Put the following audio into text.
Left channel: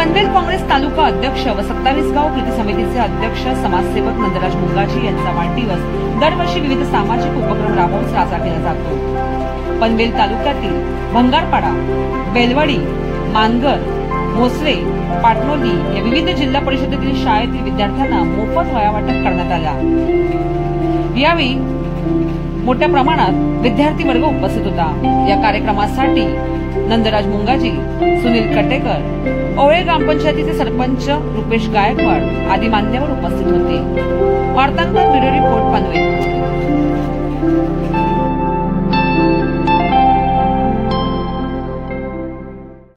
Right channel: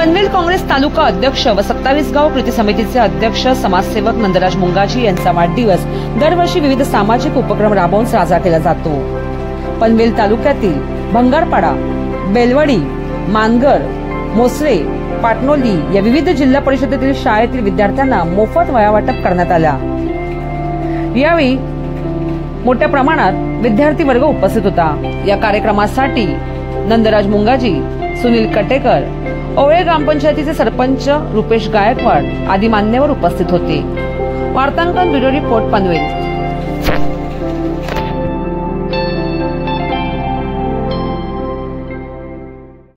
पनवेल काँग्रेस तालुका अध्यक्ष व 27 गाव कृती समितीचे अध्यक्ष समाजसेवक नंदराज मुंगाजी यांचा वाढदिवस दरवर्षी विविध सामाजिक उपक्रम राबवून साजरा केला जातो। पनवेल तालुक्यातील भंगारपाडा, बेलवडी, मानगर, मोसरे, पाटणोली या विविध जिल्हा परिषदेतील शाळेतील विद्यार्थ्यांना मोफत वह्या वाटप करण्यात आल्या। यावेळी मोठ्या प्रमाणात विद्यार्थी वर्ग उपस्थित होता। या कार्यक्रमासाठी नंदराज मुंगाजी, सुनील कटेकर, ओळे ग्रामपंचायतीचे सरपंच रुपेश गायकवाड आदी मान्यवर उपस्थित होते। वार्तांकन ब्युरो रिपोर्ट पनवेल।